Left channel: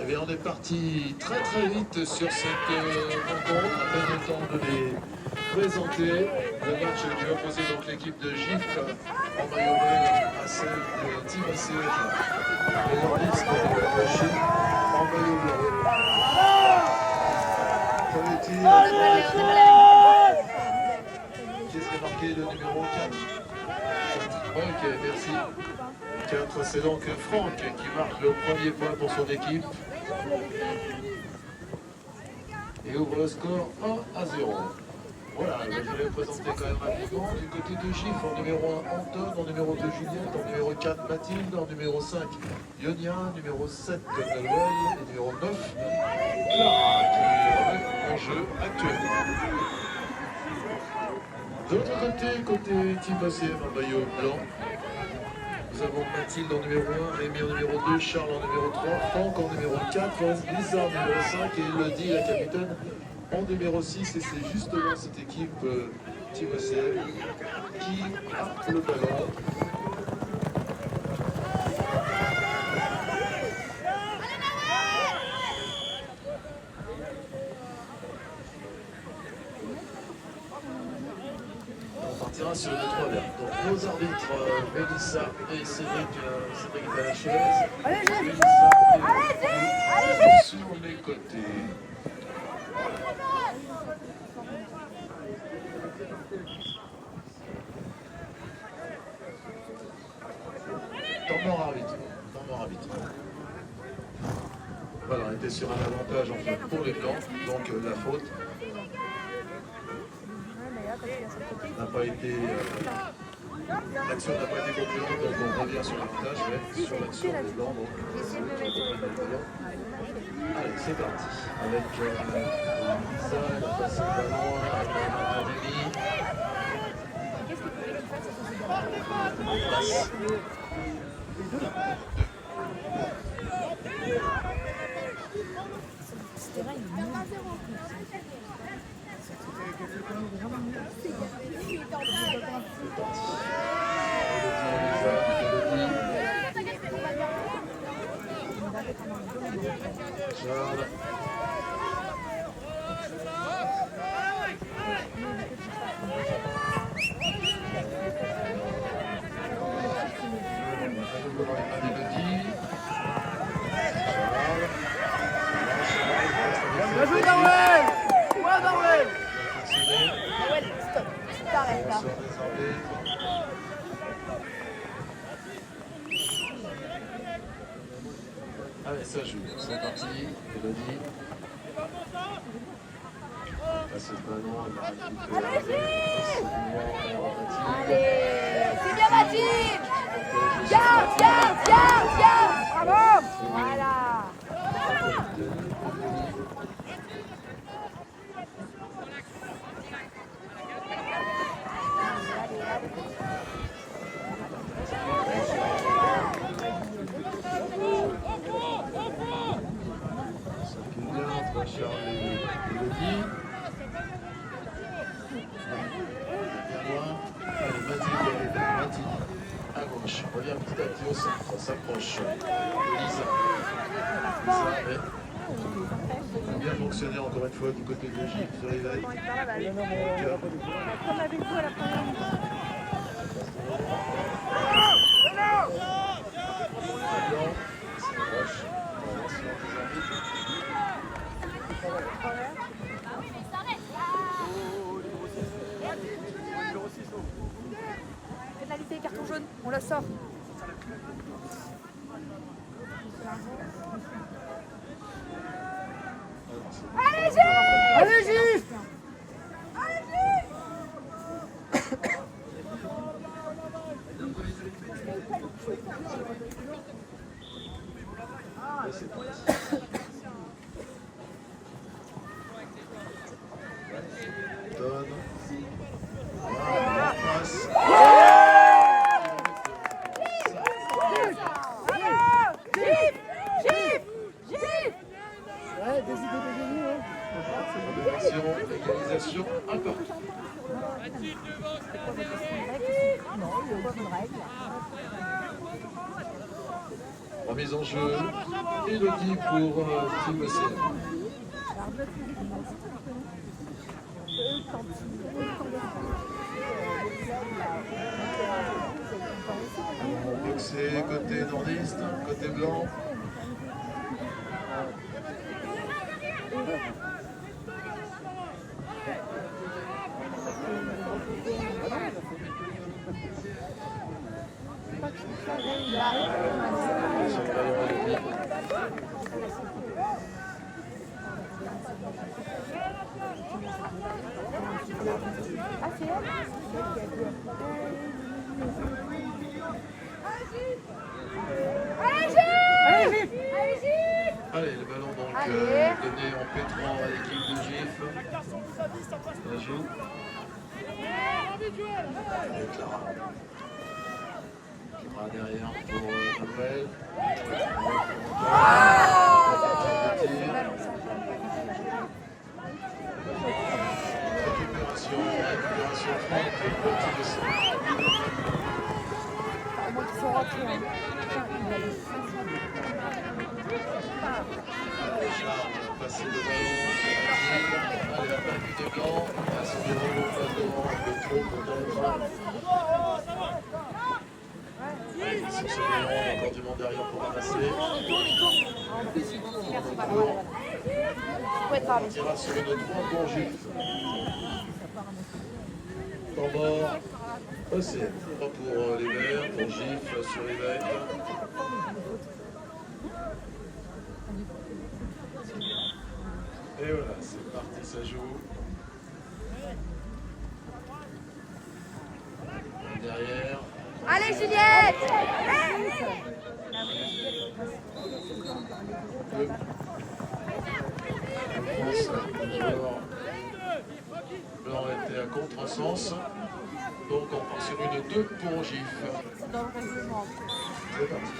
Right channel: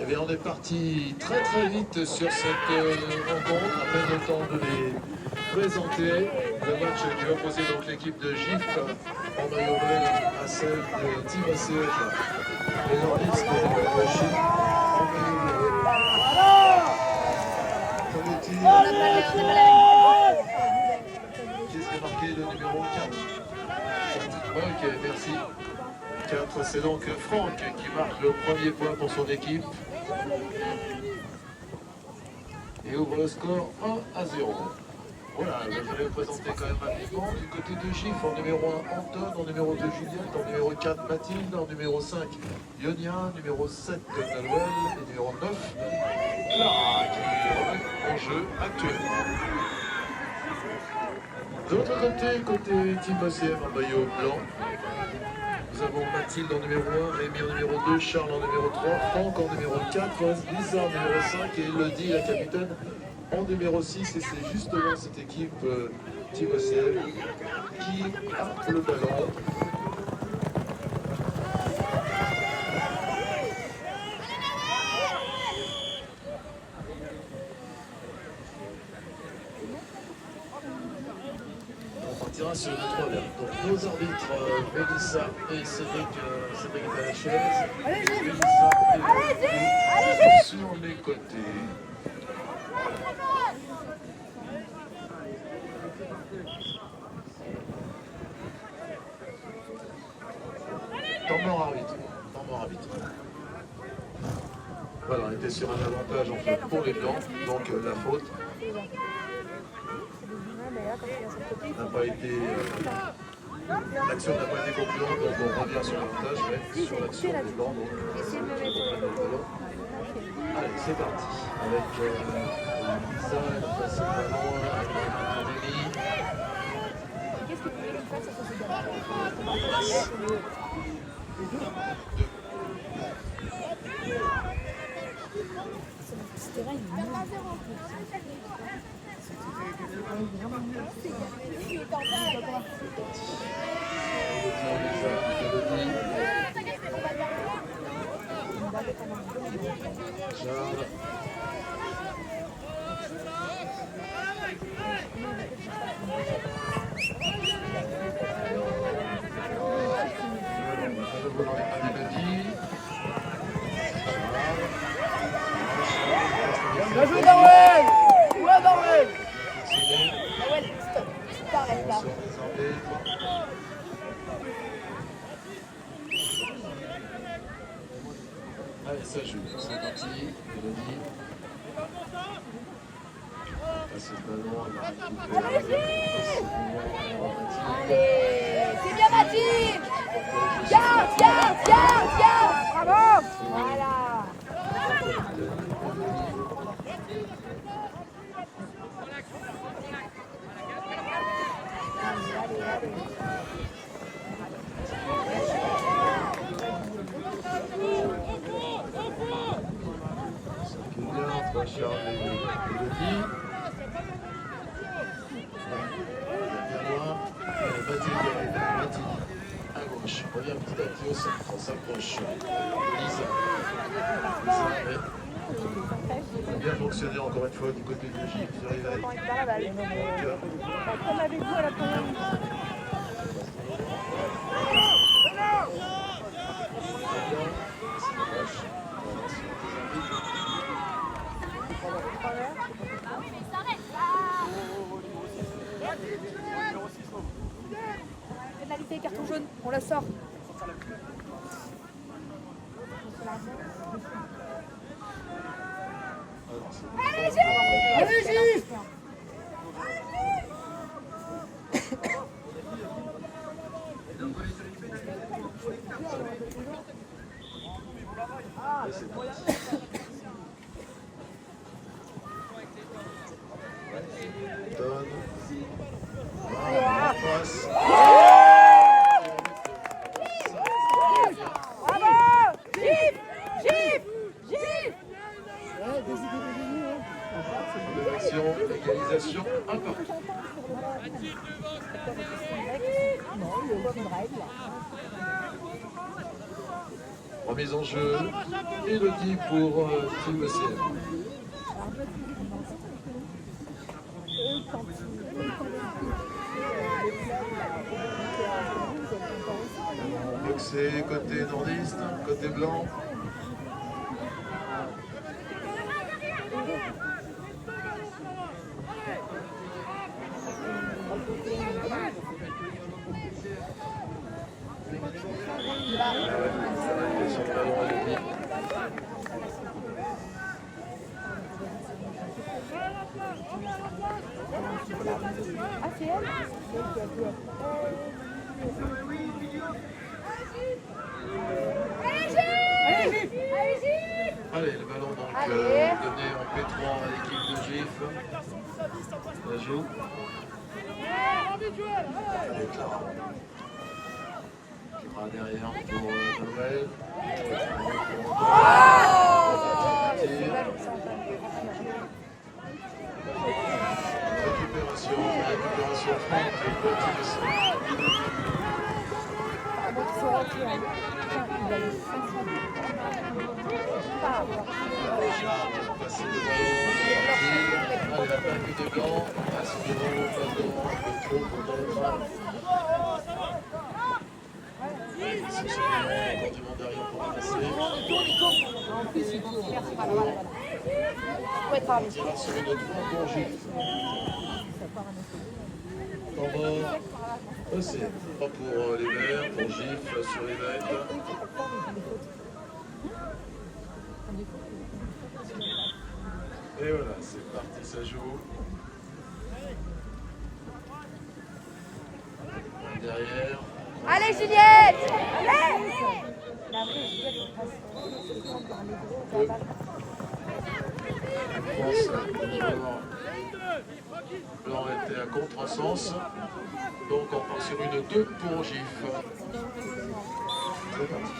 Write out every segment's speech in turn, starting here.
Eh bien, on est parti très très vite sur cette rencontre, à peine le temps de les présenter. Le match qui opposait donc l'équipe de GIF en maillot bleu à celle de Team ACF, les nordistes de Chine en maillot bleu. Premier tir, qui est marqué le numéro 4. Ok, merci. 4, c'est donc Franck qui marque le premier point pour son équipe. Et ouvre le score 1-0. Voilà, je vais le présenter quand même rapidement. Du côté de GIF, en numéro 1, Anton, en numéro 2, Juliette, en numéro 4, Mathilde, en numéro 5, Ionia, numéro 7, Nolwenn, et numéro 9, Clara, qui remet en jeu actuellement. De l'autre côté Team ACM en maillot blanc, nous avons Mathilde en numéro 1, Rémi en numéro 2, Charles en numéro 3, Franck en numéro 4, Lisa en numéro 5 et Elodie, la capitaine, en numéro 6. Et c'est justement cette équipe Team ACM qui a le ballon. On partira sur le 3 verts. Donc nos arbitres, Mélissa et Cédric est à la chaise. Mélissa est sur les côtés. Temps mort arbitre. Voilà, on était sur un avantage en fait pour les blancs, donc la faute n'a pas été... l'action n'a pas été concluante, donc on revient sur l'avantage, mais sur l'action des blancs, donc c'est eux qui reprennent le ballon. Allez, c'est parti. Avec Lisa, elle a passé le ballon avec Rémi. Charles. Allez, ça joue, c'est parti, Elodie. Passe le ballon, elle va récupérer. C'est bien Mathilde. Viens. Bravo. Voilà. Charles et Elodie. Mathilde à gauche. On revient petit à petit au centre. On s'approche. Lisa. Lisa a bien fonctionné encore une fois du côté de Gilles sur les veilles. Pénalité, carton jaune, on la sort. Allez, Gif. Et c'est parti. Donne. Voilà, on passe. Gif. Attention, égalisation, un partout. Remise en jeu, Elodie pour Team ECM. Boxé côté nordiste, côté blanc. Sur le ballon Elodie. Allez, le ballon donc donné en P3 à l'équipe de GIF. La joue. Et Clara. Clara derrière pour Noël. Récupération franque pour Team passer le ballon. Allez, la balle des blancs. Passe devant, passe devant. Le trop pour dans le sur ce ballon, il y a encore du monde derrière pour ramasser. On tirera sur une 3 pour Gif. Temps mort. C'est 3 pour les verts, pour Gif sur les bêtes. Et voilà, c'est parti, ça joue. Derrière. Allez Juliette! Deux. Blanc était à contresens. Donc on part sur une 2 pour Gif. C'est parti.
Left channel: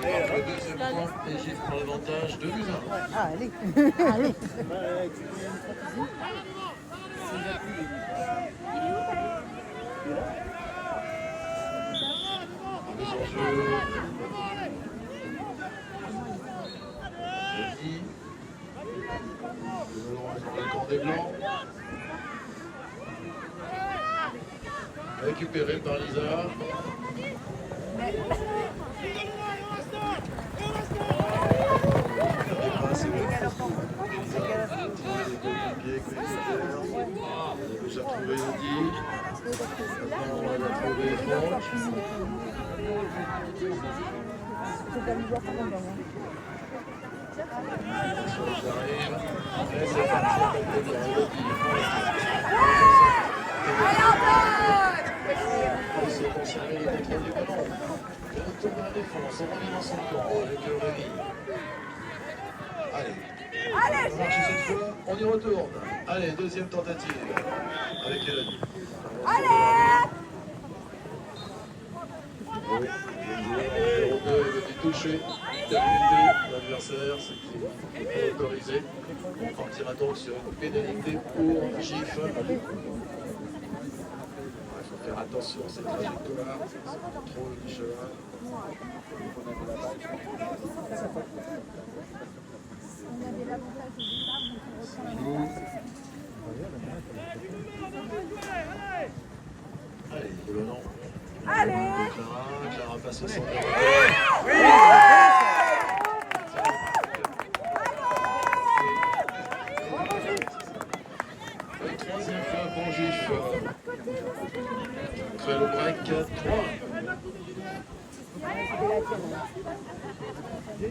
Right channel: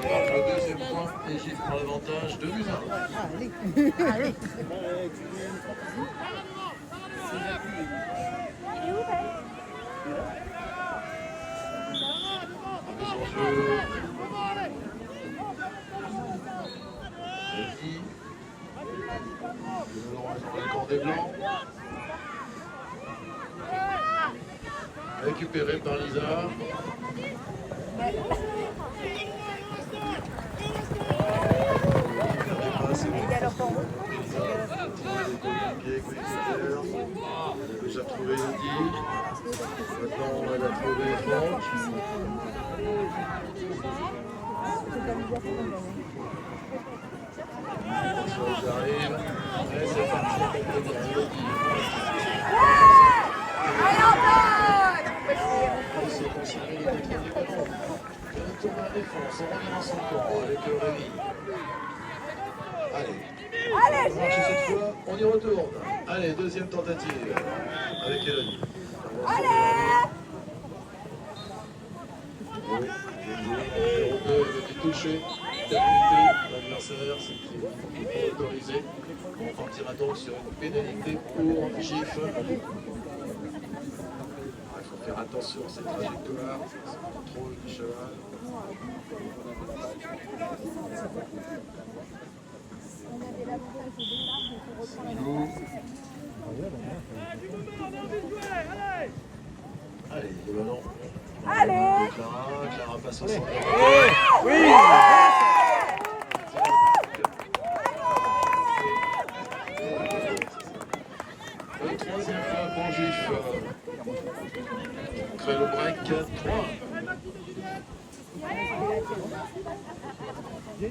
Le deuxième point, et Gif prend l'avantage, 2-1. Ah, allez. Mise en jeu. Elodie. Le ballon est dans le camp des blancs. Récupéré par Lisa. Elle a déjà trouvé Elodie. Maintenant elle a trouvé Franck. J'arrive. Et c'est parti avec Elodie. Il s'est conservé le contrôle du ballon. Il retourne à la défense, on revient dans son camp avec Rémi. Allez, on marche cette fois, on y retourne. Allez, deuxième tentative avec Elodie. Oui, numéro 2, Elodie touchée. Pénalité, l'adversaire, c'est qui est autorisé. On partira donc sur une pénalité pour Gif. Il faut faire attention à cette trajectoire, c'est le contrôle du cheval. C'est joue. Allez, le ballon. Allez Clara passe au centre. Oui. Le troisième fois pour Gif. Crée le break 3.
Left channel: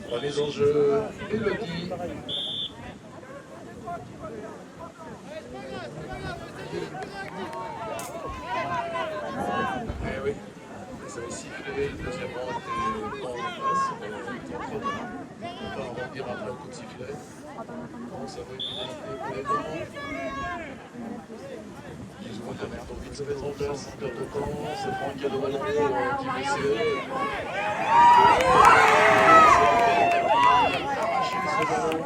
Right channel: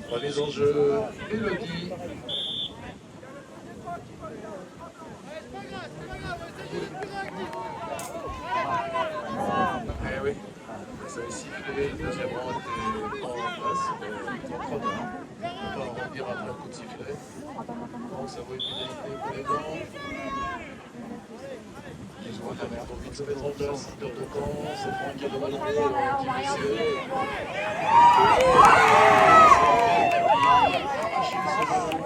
Remise en jeu, Elodie. Eh oui, ça avait sifflé, le deuxième rang était pas en place, trop tard. On va en revenir après un coup de sifflet. On donc ça vaut une pénalité pour les Blancs. Ils se reviennent pour vite se mettre en place, sans perdre de temps. C'est Franck qui a le ballon pour Team BCF. Arracher ce ballon.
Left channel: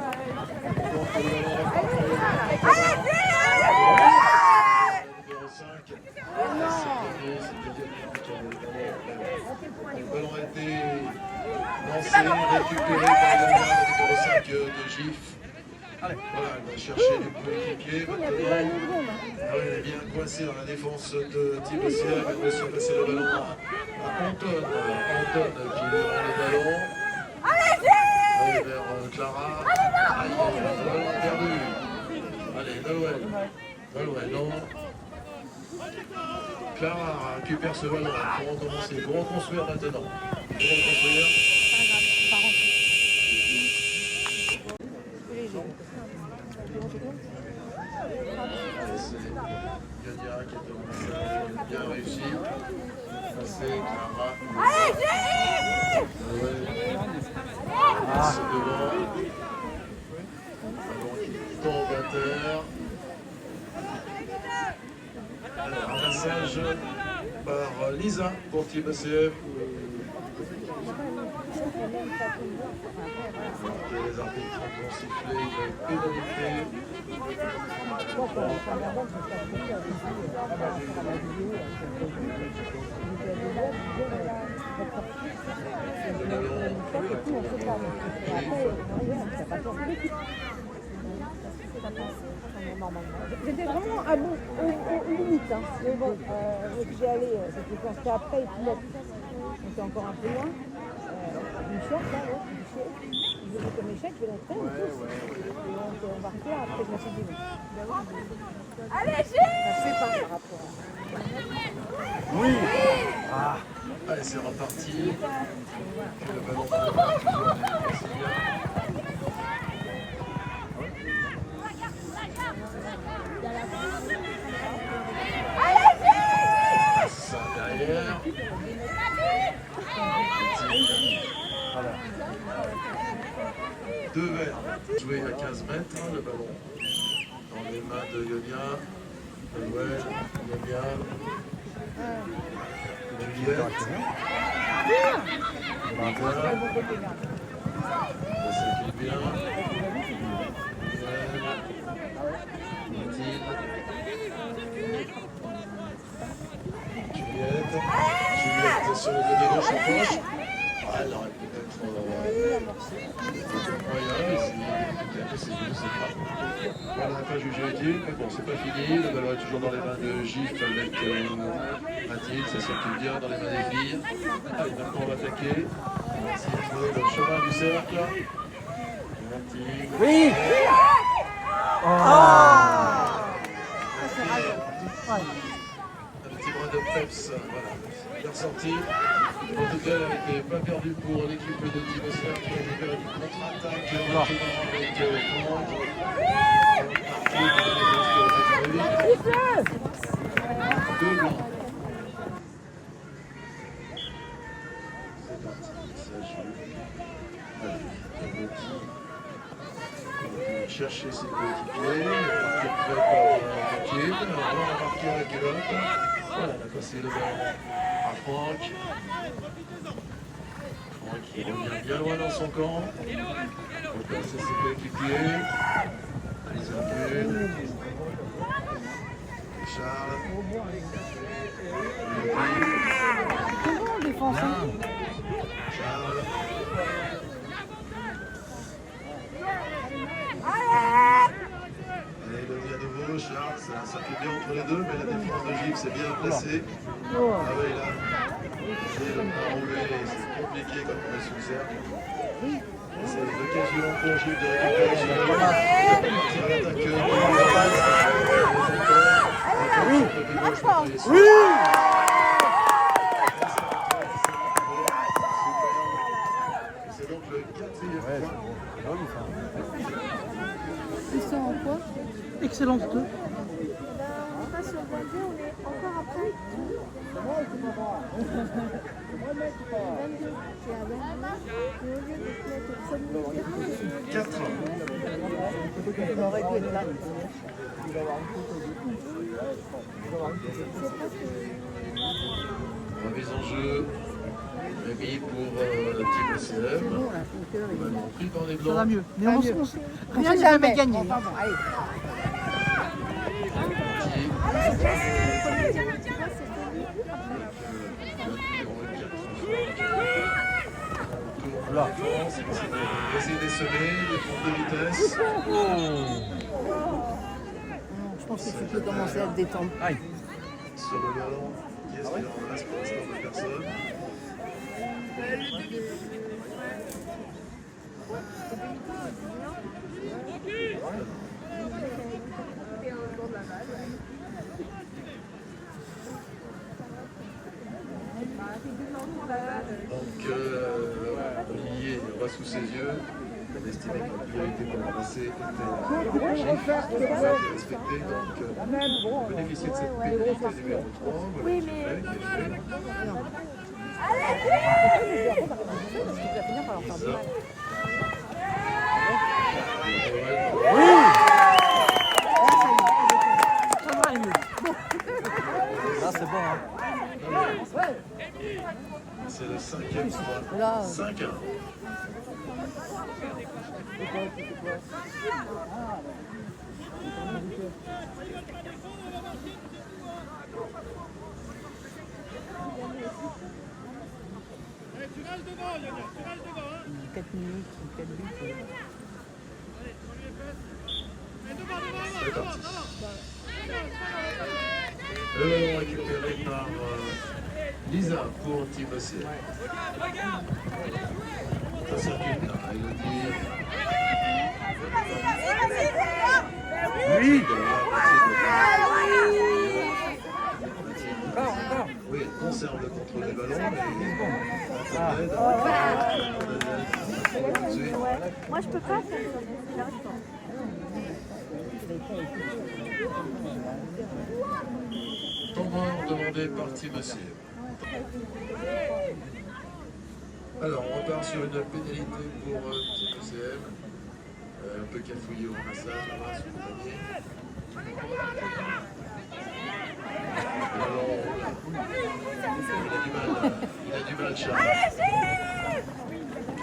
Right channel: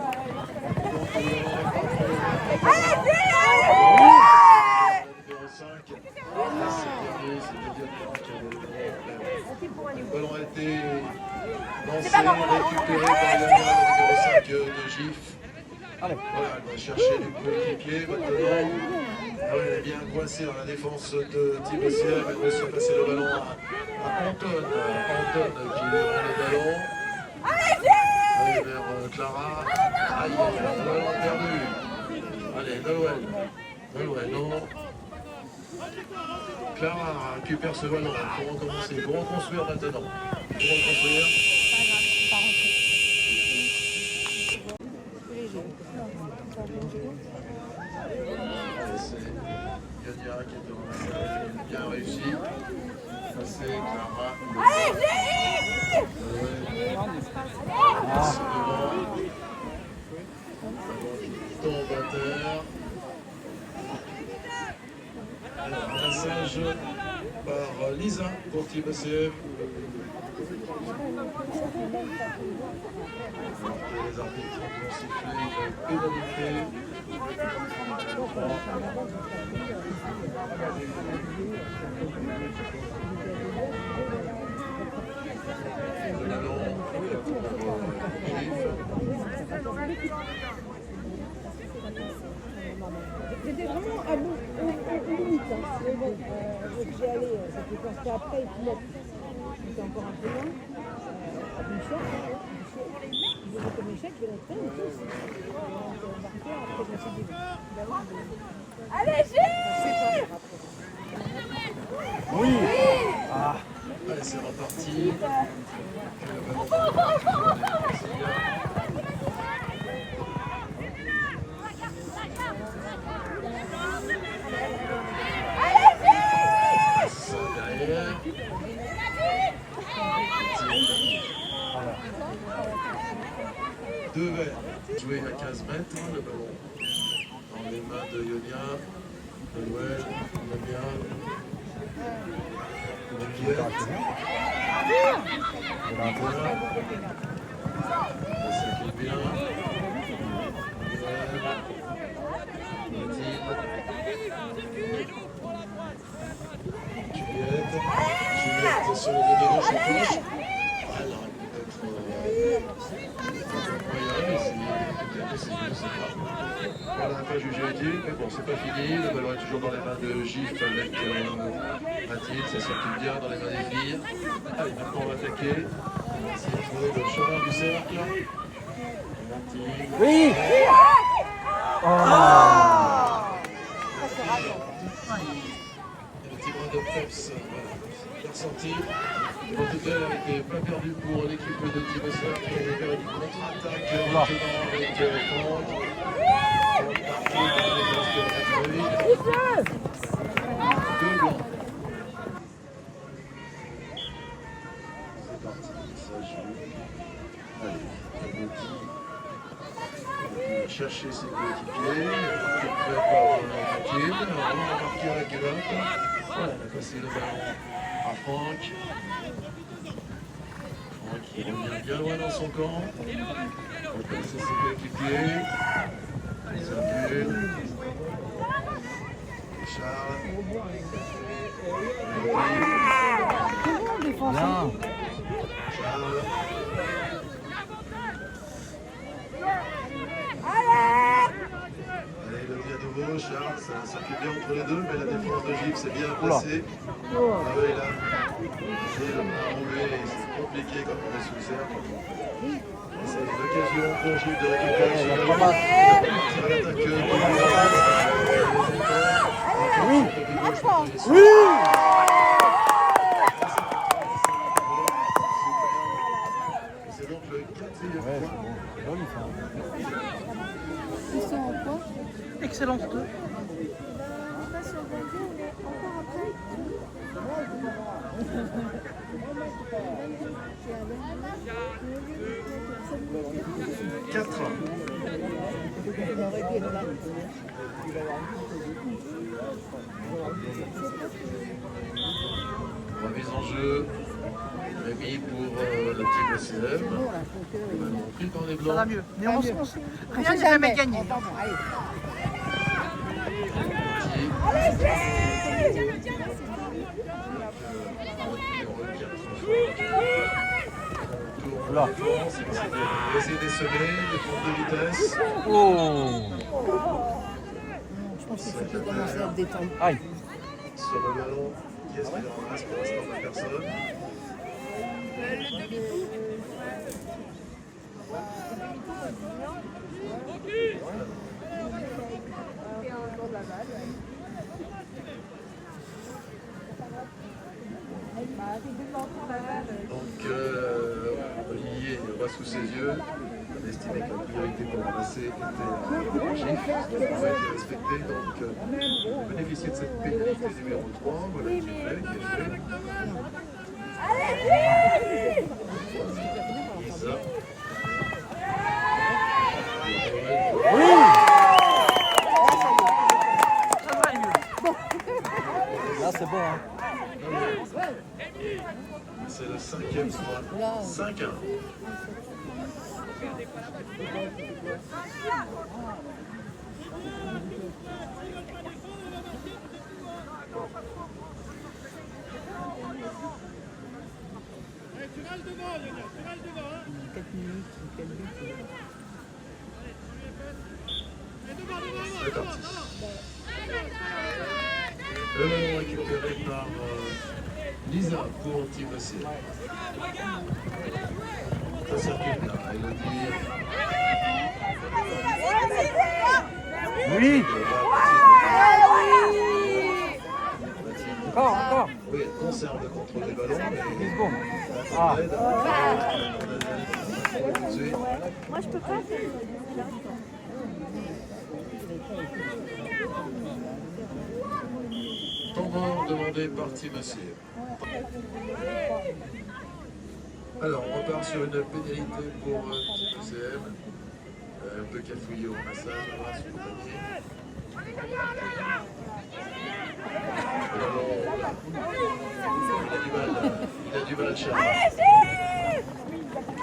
Donc le ballon repart pour le numéro 5. Le ballon a été lancé, récupéré par le numéro 5 de GIF. Voilà, elle va chercher du coéquipier maintenant. Ah oui, elle est bien coincée dans la défense de Team BCF. Elle reçoit passer le ballon à Anton. Anton qui rend le ballon. Allez vers Clara. Aïe, aïe, aïe, le ballon perdu. Allez, Noël. Noël, non. Clara récupère ce ballon pour recommencer, pour reconstruire maintenant. Pour reconstruire. C'est Yonia qui était en attaque, bien réussi. Passer, Clara. Passe devant. Ballon qui tombe à terre. Alors, ramassage par Lisa pour Team BCF. Les arbitres vont siffler une pénalité. Le ballon pour J'étais vraiment à bout, aux limites, hein. Mais bon, j'y allais, c'était quand c'était après et puis on était encore un peu loin. Michel, là, ouais, Michel, il venait comme échec, je vais l'être et tous. Donc on va refaire, après je me suis dit, Allez, ça se fait pas par rapport. Oui. Allez, c'est reparti. Le ballon ça derrière. Deux verres. Joué à 15 mètres, le ballon dans les mains de Yonia. Noël, Yonia. Juliette. Ça s'occupe bien. Mathilde. Juliette sur le côté gauche en poche. Ah, elle aurait peut-être moyen, mais peut-être c'est je sais pas. On n'a pas jugé utile, mais bon, c'est pas fini. Le ballon est toujours dans les mains de Gif avec Mathilde. Ça circule bien dans les mains des filles. Allez, maintenant on va attaquer. On va essayer de trouver le chemin du cercle. Mathilde. Oui. Un petit bras de peps, voilà, bien ressenti. En tout cas, elle n'était pas perdue pour l'équipe de Team BCF qui avait fait une contre-attaque maintenant avec Franck. Deux blancs. C'est parti, ça joue. Allez, Elodie va chercher ses coéquipiers. Marqué fait par Mathilde. On va marquer à la gueule. Voilà, elle a passé le ballon à Franck. Franck qui revient bien loin dans son camp. Il va passer ses coéquipiers. Il circule. Charles. Comment on défend ça? Charles. Allez, Elodie à nouveau. Charles, ça circule bien entre les deux, mais la défense de Gilles s'est bien placée. Ah oui, là, c'est le bras roulé et c'est compliqué quand on est sous le cercle. C'est l'occasion pour Gilles de récupérer ce ballon. Il va partir à l'attaque du oui. Oui. C'est donc le 4e point. Ils sont en quoi? Excellence 2. On passe sur le 2, mais encore après 4. Il aurait dû être là. Remise en jeu. Rémi pour la team OCM. Le ballon pris par les blancs. Pas mieux. Rien n'est jamais gagné. Allez. Tour la défense, il va essayer d'essaimer, des tours de vitesse. Je pense qu'il faut qu'il commence à se détendre. Sur le ballon, qui est-ce qu'il en reste pour l'instant? Personne. Donc, Olivier voit sous ses yeux. Il a estimé que la priorité pour ramasser était objectif, ça a été respecté. Donc, bénéficier de cette pénalité numéro 3. Voilà qui est fait, qui est fait. Lisa. C'est le 5e point. 5-1. Tu restes devant, Lionel, tu restes devant. 4 minutes, 4 buts. C'est parti. Le ballon récupéré par Lisa pour Team OCM. Ça circule là, Elodie. Oui. Oui, elle conserve le contrôle du ballon, mais Ah. Moi, je peux pas faire ça. Temps demandé par Team OCM. Alors, on repart sur une pénalité pour Team OCM. Un peu cafouillé au ramassage, on va s'accompagner. Il a du mal, Charles.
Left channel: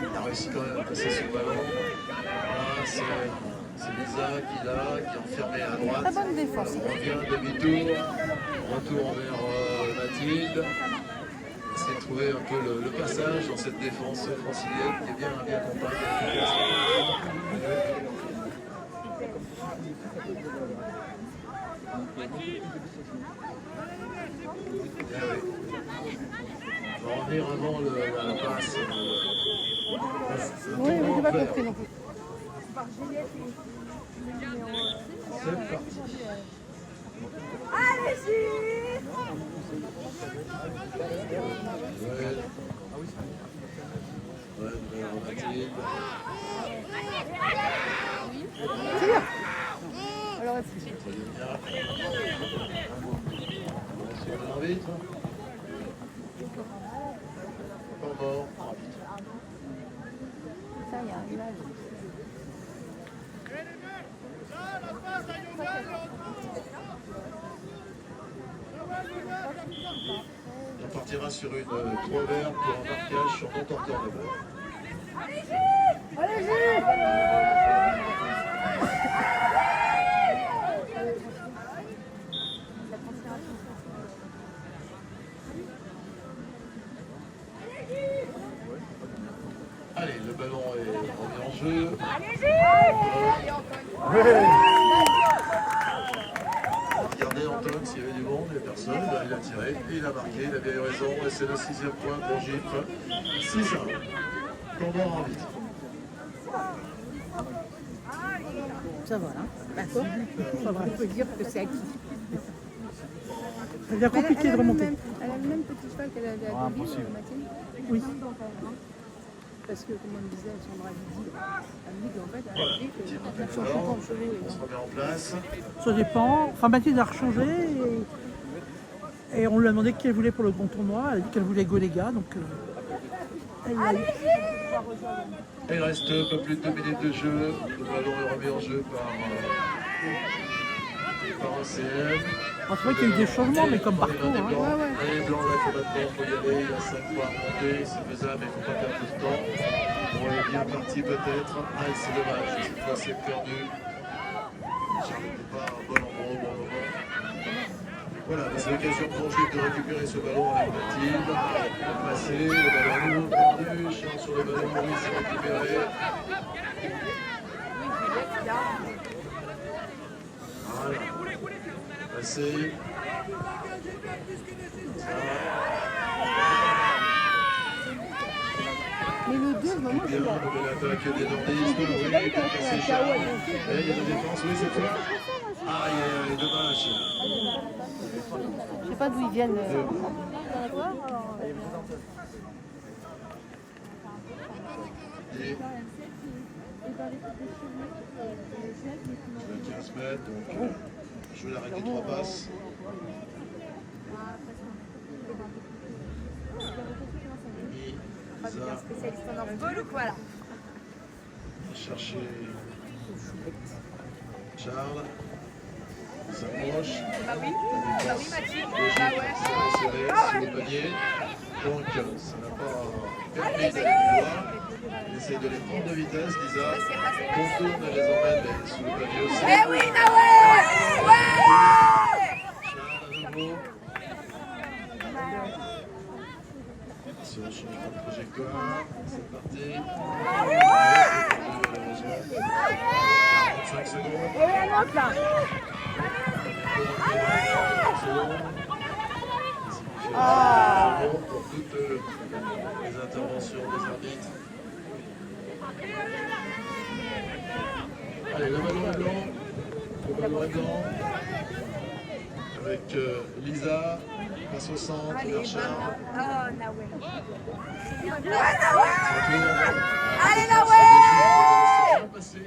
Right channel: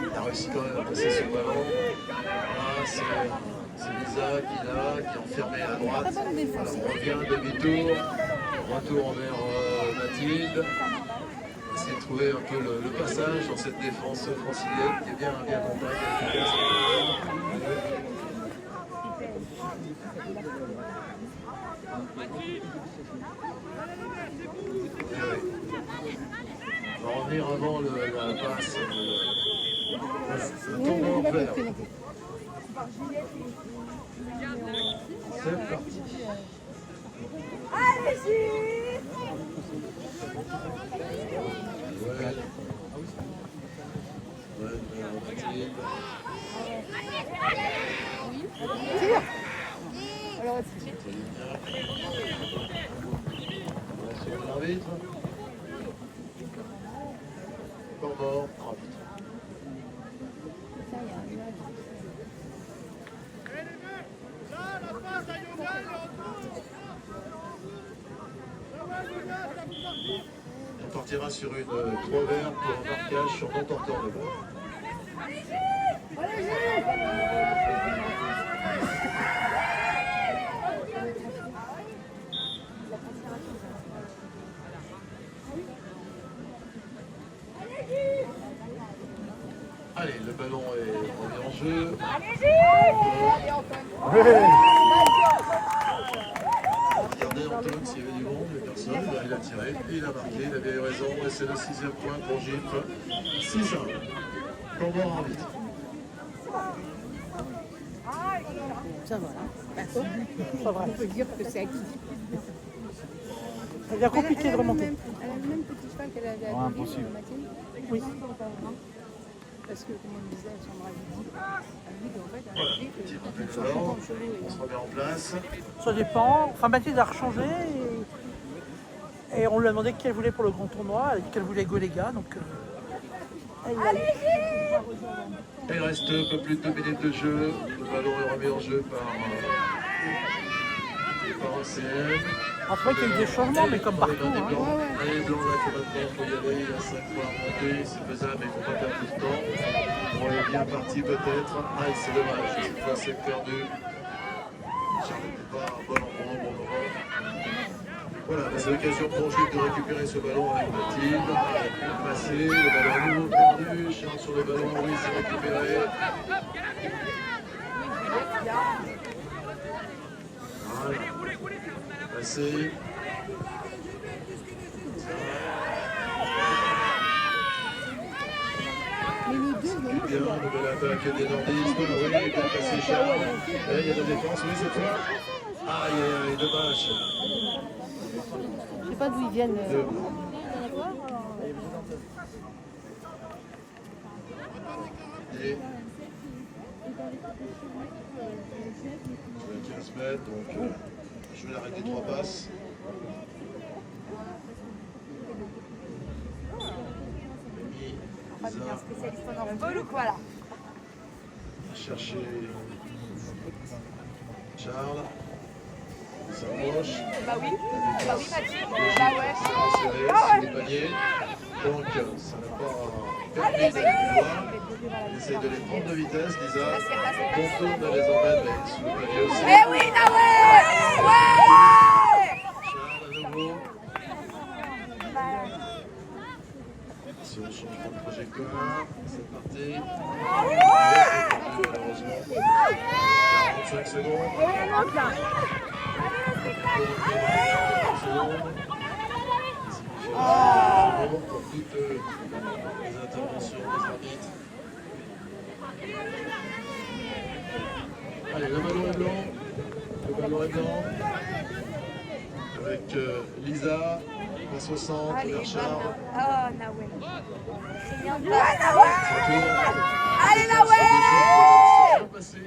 Il a réussi quand même à passer son ballon. Voilà, c'est Lisa qui est enfermée à droite. Très bonne défense. Alors, on revient demi-tour. Retour vers Mathilde. Essayer de trouver un peu le passage dans cette défense francilienne qui est bien compacte et efficace. On va revenir avant la passe. Le tournoi en vert. C'est parti. Joël. Joël vers Mathilde. Sur l'arbitre. Encore mort. Arbitre. Ça, il y a un nuage. Là, la passe à Yogan, On partira sur une 3 verts pour un marquage sur non-porteur de balle. Allez, le ballon est remis en jeu. Regardez Antoine s'il y avait du monde, il n'y a personne. Là, il a tiré, et il a marqué, il avait eu raison. Et c'est le 6e point pour Gifre. 6-1. Tombant en vite. Ça va, là. D'accord. On peut dire que c'est acquis. C'est bien compliqué de remonter. Elle a le même petit cheval qu'elle avait à Deauville, Mathilde. Oui. Parce que, comme on disait, son bras Voilà, petit rappel d'ordre. On se remet en place. Ça dépend. Enfin, Mathilde a rechangé. Et on lui a demandé qui elle voulait pour le grand tournoi. Elle a dit qu'elle voulait Golega. Donc, Et il reste un peu plus de 2 minutes de jeu. Le ballon est remis en jeu par OCM. après qu'il y a eu des chances, mais comme Dans les mains des partout. blancs. Allez, les blancs, là, il faut maintenant, il faut y aller. Il y a 5 fois à remonter, c'est faisable, mais il ne faut pas perdre de temps. On est bien parti peut-être. Ah, c'est dommage, cette fois c'est perdu. Charles n'était pas au bon endroit, au bon moment. Voilà, c'est l'occasion pour Jules de récupérer ce ballon avec Mathilde. Passer, le ballon à nouveau perdu. Charles sur le ballon, Maurice s'est récupéré. Voilà. Passer. Mais les deux, vraiment, Bien, c'est là. nouvelle attaque des nordistes. Oui, il est passé Charles. Et il y a la défense, oui, c'est toi. Aïe, aïe, aïe, dommage. Je sais pas d'où ils viennent. Et 15 mètres, donc je vais l'arrêter 3 passes. Mimi, Lisa, Voilà. chercher Charles. Il s'approche. Serré sur le panier. Donc ça n'a pas permis d'aller plus loin. Elle essaye de les prendre de vitesse, Lisa. Contourne, elle les emmène mais sous le panier aussi. Charles à nouveau. Attention, changement de trajectoire. C'est parti. Malheureusement. 45 secondes. Et un autre là. 45 secondes. Pour toutes les interventions des arbitres. Allez, le ballon est blanc. Le ballon est blanc. Avec Lisa, passe au centre, vers Charles. Allez, la ouais! C'est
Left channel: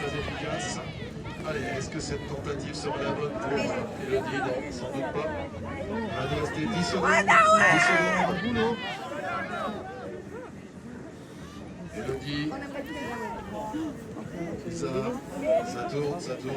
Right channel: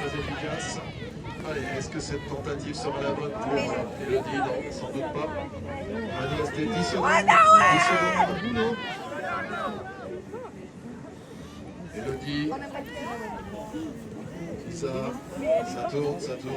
très efficace. Allez, est-ce que cette tentative sera la bonne pour Elodie? Non, sans doute pas. Allez, rester 10 secondes. 10 secondes de boulot. Elodie. Ça tourne, ça tourne.